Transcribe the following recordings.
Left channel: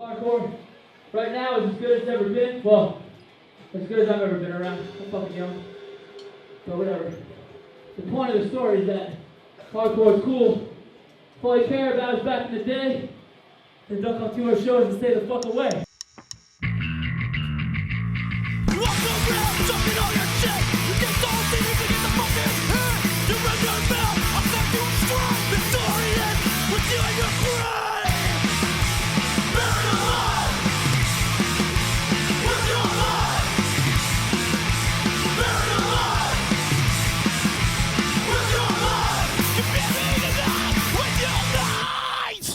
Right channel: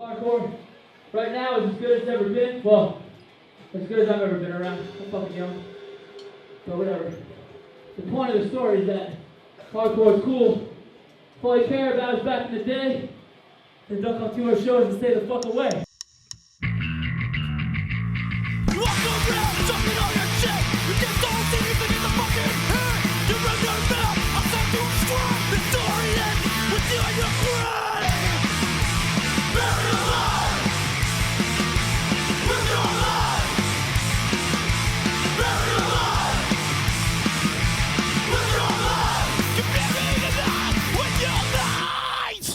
Hardcore right now is as good as it's ever been. Well, as good as I've ever been around. I'm fucking young. But whatever. The point of the story is that hardcore is cool. If all you care about is back in the day, then duck on 2 more shows and stay the fuck away. You walk around talking all your shit. You get those things to get the fucking hit. You run your mouth, I'll set you straight. The story ends with you and your grave. Buried alive. With your life. Buried alive. With your life. You're buried alive with your life.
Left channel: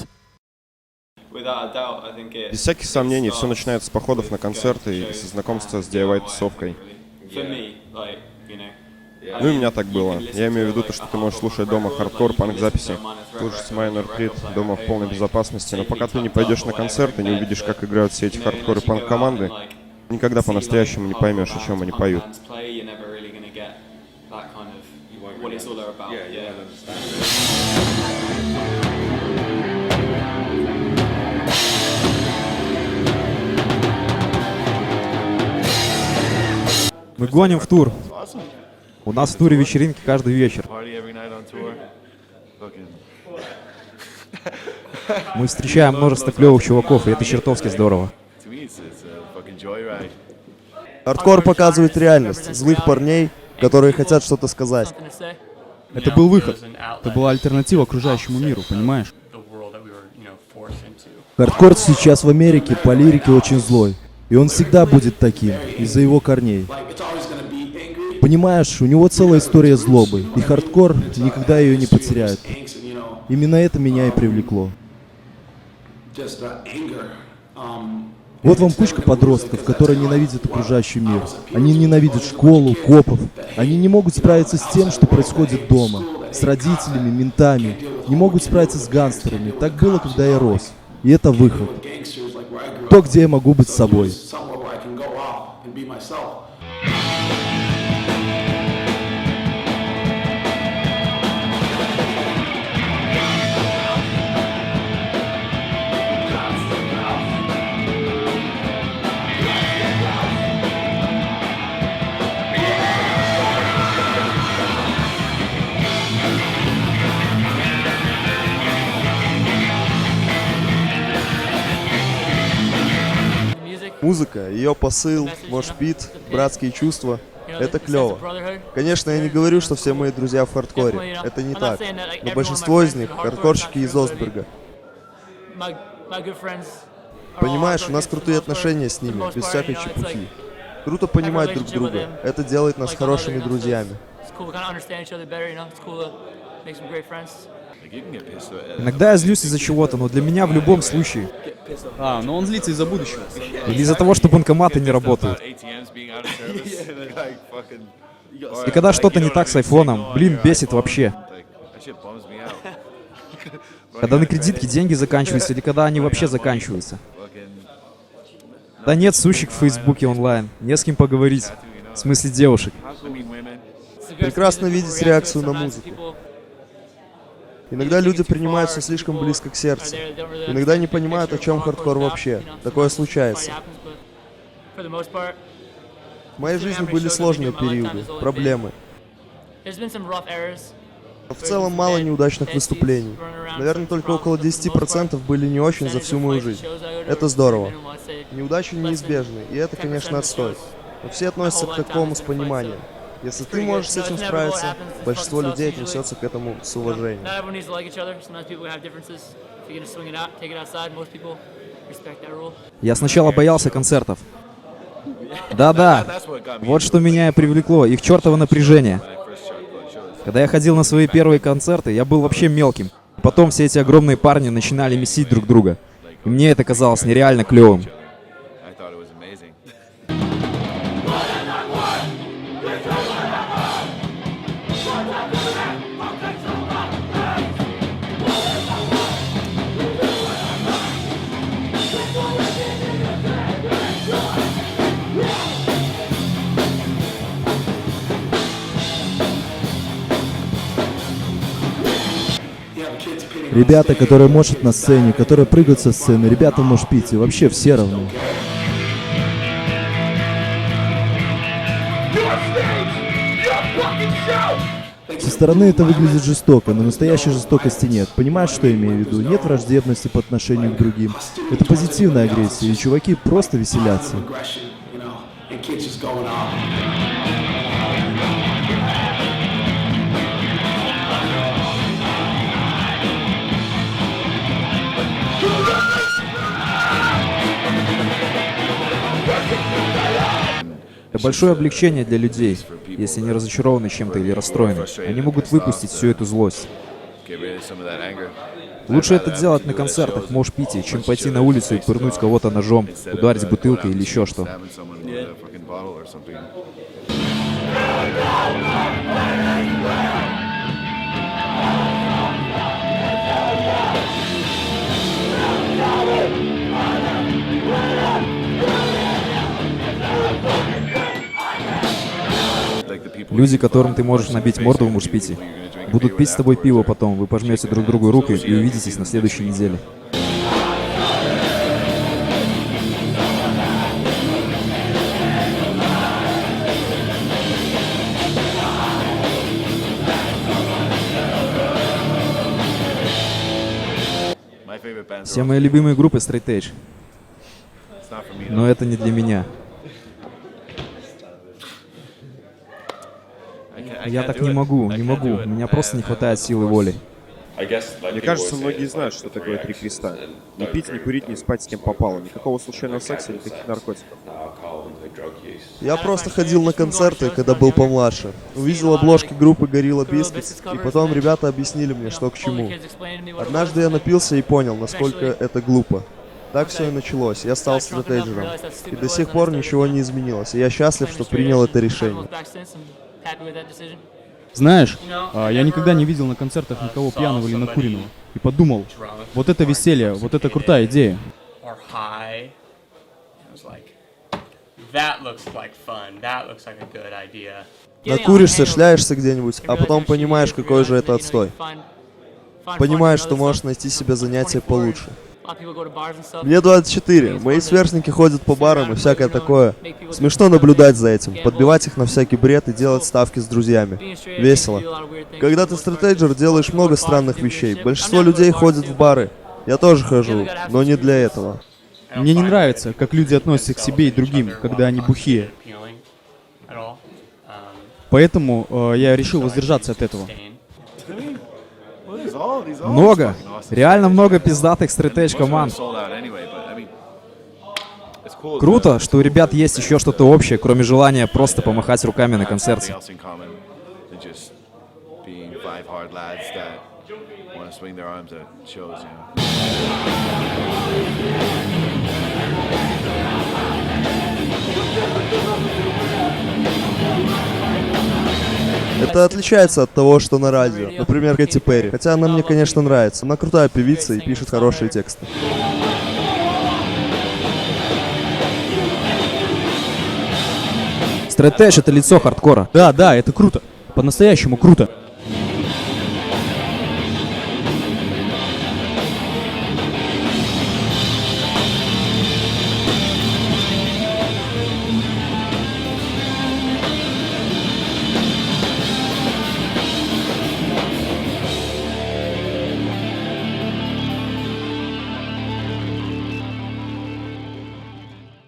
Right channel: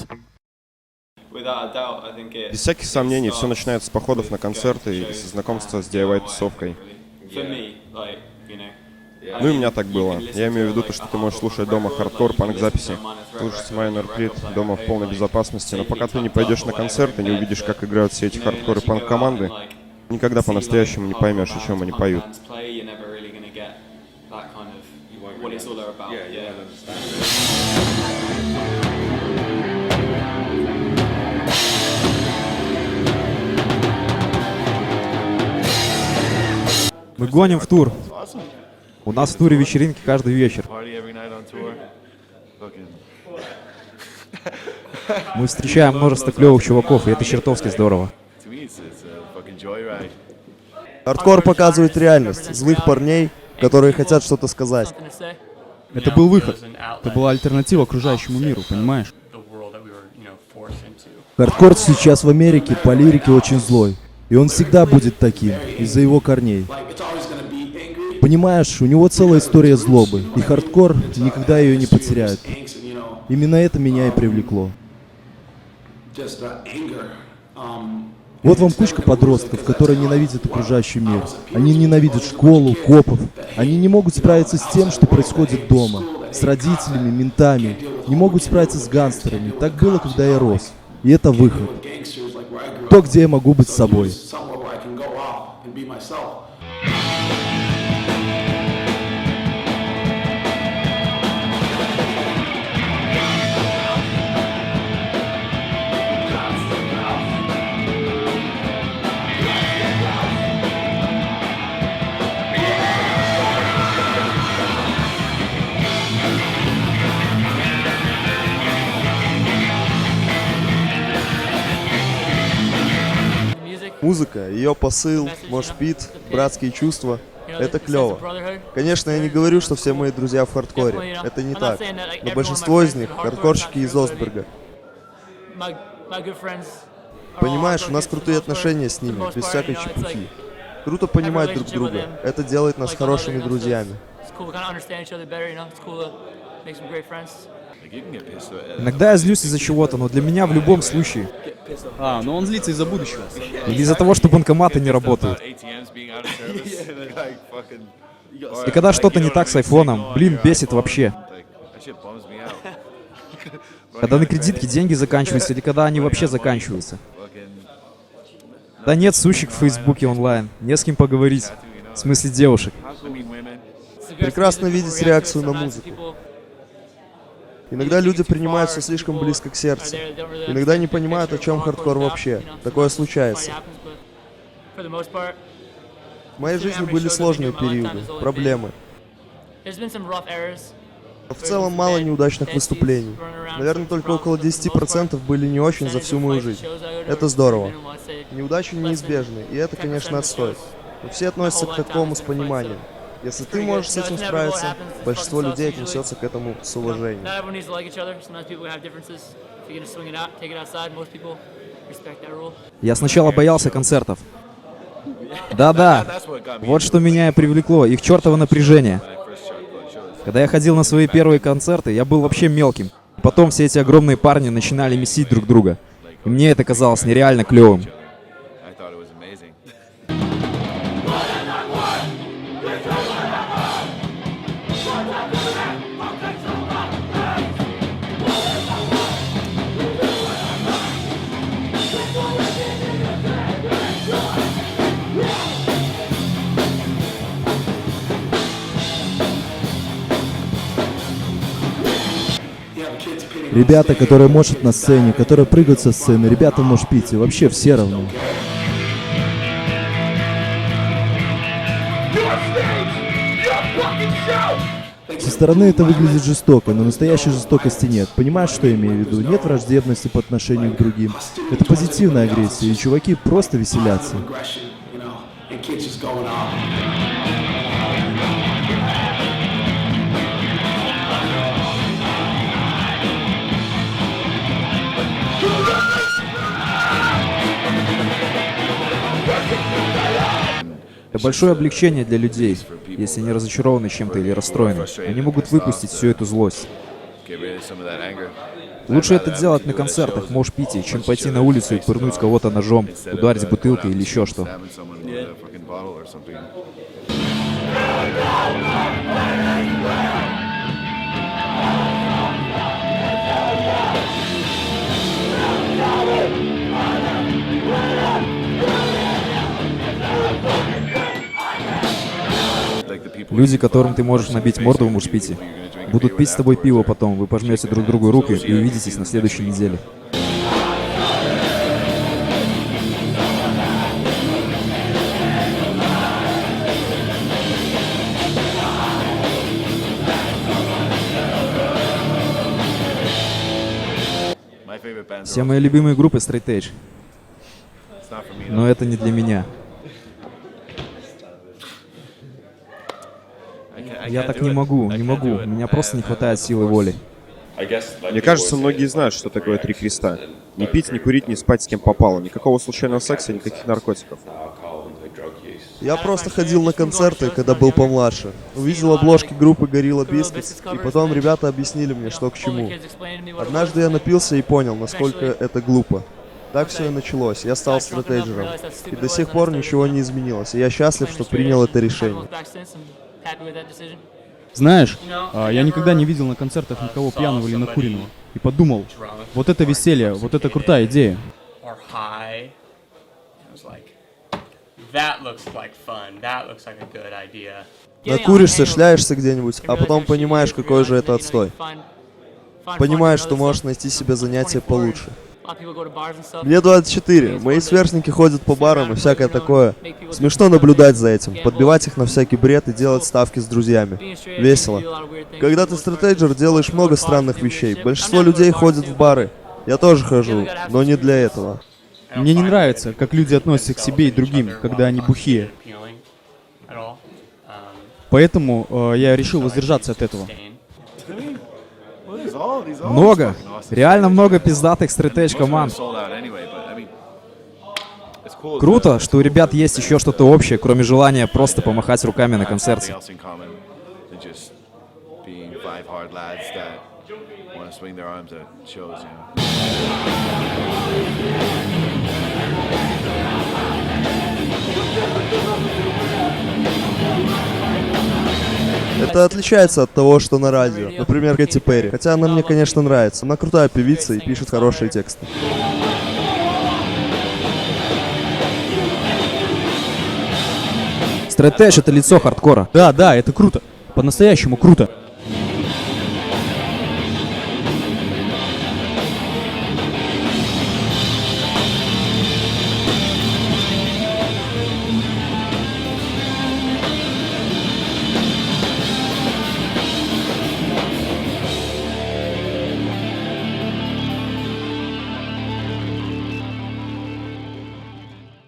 Without a doubt, I think it starts with going to shows and the DIY, I think, really. For me, like, you know, I mean, you can listen to a hardcore punk record, like you can listen to a Minor Threat record on your record player at home, like safely tucked up or whatever in bed, but you know, unless you go out and like see like hardcore bands, punk bands play, you're never really gonna get that kind of what it's all about. Yeah, you won't understand. Current state of hardcore, it's awesome. We get to tour, we get to party every night on tour. Fucking meeting loads of awesome people to meet. Like, to me, it's a fucking joyride. Hardcore as a genre just represents reality. Angry people, something to say. You know, it was an outlet. It was the opposite of the world that we were, you know, forced into. Hardcore in America right now, it's lyrically, it's very angry. Like, it's always going to be angry because of its roots, you know what I mean? It has a history of just angst and, you know, just anger. And it's never going to lose it because that's kind of like what I was appealed to. It's like, oh, here's a bunch of kids that hate, you know, the outside world, that hate school, that hate cops, that can't deal with homework, can't deal with their parents, can't deal with the cops, you know, like, can't deal with gangsters like where I grew up. Like, so here's somewhere where I can go off and be myself. The message, you know, the pit, you know, the sense of brotherhood and sisterhood is, you know, it's cool. Definitely, you know, I'm not saying that like every one of my friends is into hardcore, it's not true, but I mean, my good friends are all hardcore kids for the most part, and you know, it's like, have a relationship with them, like on the other, you know, so it's cool, we kind of understand each other better, you know, it's cool to make some great friends. Like, you can get pissed about anything, but for me anyway, like, get pissed off about tripping up down the road over at sunrise. yeah, exactly. Get pissed off about ATMs being out of service. Like fucking, or like you don't have any signal on your iPhone. Like, that shit bums me out. Running out of credit, running out of money, fucking no bitches being online on Facebook to chat to, you know, like, how cool. I mean, women. It's aggressive music, people react to it sometimes, and people either take it too far, or some people are there that don't really understand the big picture of what hardcore is about. You know, sometimes this fight happens, but for the most part, considering how many shows I've been to in my lifetime, there's been some rough errors, there's been some bad seeds running around, starting some problems, but for the most part, the percentage of fights and shows I go to are pretty minimal. I'd say less than 10% of the shows my whole lifetime has been a fight, so it's pretty good. You know, it's inevitable, it happens, it fucking sucks usually. You know, not everyone needs to like each other. Sometimes people have differences. If you're gonna swing it out, take it outside. Most people respect that rule. Being scared of shows. That's what got me into it, like the fucking attention at shows when I first started going to shows. Because I mean, back then, I was a little small guy anyway, and then, like, all these other bigger guys started punching each other. I thought it was amazing. You have kids pitting on on stage, you have kids diving, you have kids up front going off, you know, kids that just don't care. Your stage! Your fucking show! They get really violent, but there's no violence. You know what I mean? Like there's no like hostility towards anybody else. It's just like positive aggression, you know, and kids just going off. It's just a big release for people for the people who are frustrated and pissed off to get rid of some of that anger. And I'd rather have it to do it at shows and punch each other's faces off instead of going out in the street and stabbing someone with a fucking bottle or something. Like the people you fucking punched in the face are going to be the people you're going to drink a beer with afterwards or shake their hands, and you'll see them next week. You know? My favorite bands are all straight edge. It's not for me though. I can't do it. I can't do it. I haven't got the force. Мне кажется, многие знают, что такое три креста. Не пить, не курить, не спать с кем попало. Никакого случайного секса, никаких наркотиков. How did I find straight edge? Just from going to shows when I was younger, seeing a lot of like Gorilla Biscuits covers, and then you know older kids explaining to me what it was, and then eventually, once I got drunk enough and realized how stupid it was, then I started claiming straight edge and having looked back since. And happy with that decision. You know, I never saw somebody drunk or intoxicated or high. I was like, that looks like fun. That looks like a good idea. Getting a hangover and realizing how shitty it is, and realizing that you can find fun doing other stuff. I'm 24, and a lot of people go to bars and stuff. And I think it's fun to sit around and play Uno and make people do fucked up things and gamble, and it's cool. Being straight edge means you do a lot of weird things for the most part, because most people go to bars and do weird shit, which I'm down to go to bars too, but I mean, you definitely gotta have some screws loose. I don't find the way that people treat themselves and each other while intoxicated appealing at all. So I choose to abstain. Well, there's all these fucking awesome straight edge bands, and most of them are sold out anyway. But I mean, it's cool for these bands to find or have something else in common than just being five hard lads that want to swing their arms at shows, you know. That's different than what's on the radio, like Katy Perry. Even though I love Katy Perry, she's a great singer and songwriter. That's hardcore. Yeah, it's cool. Yeah, it's really cool right now.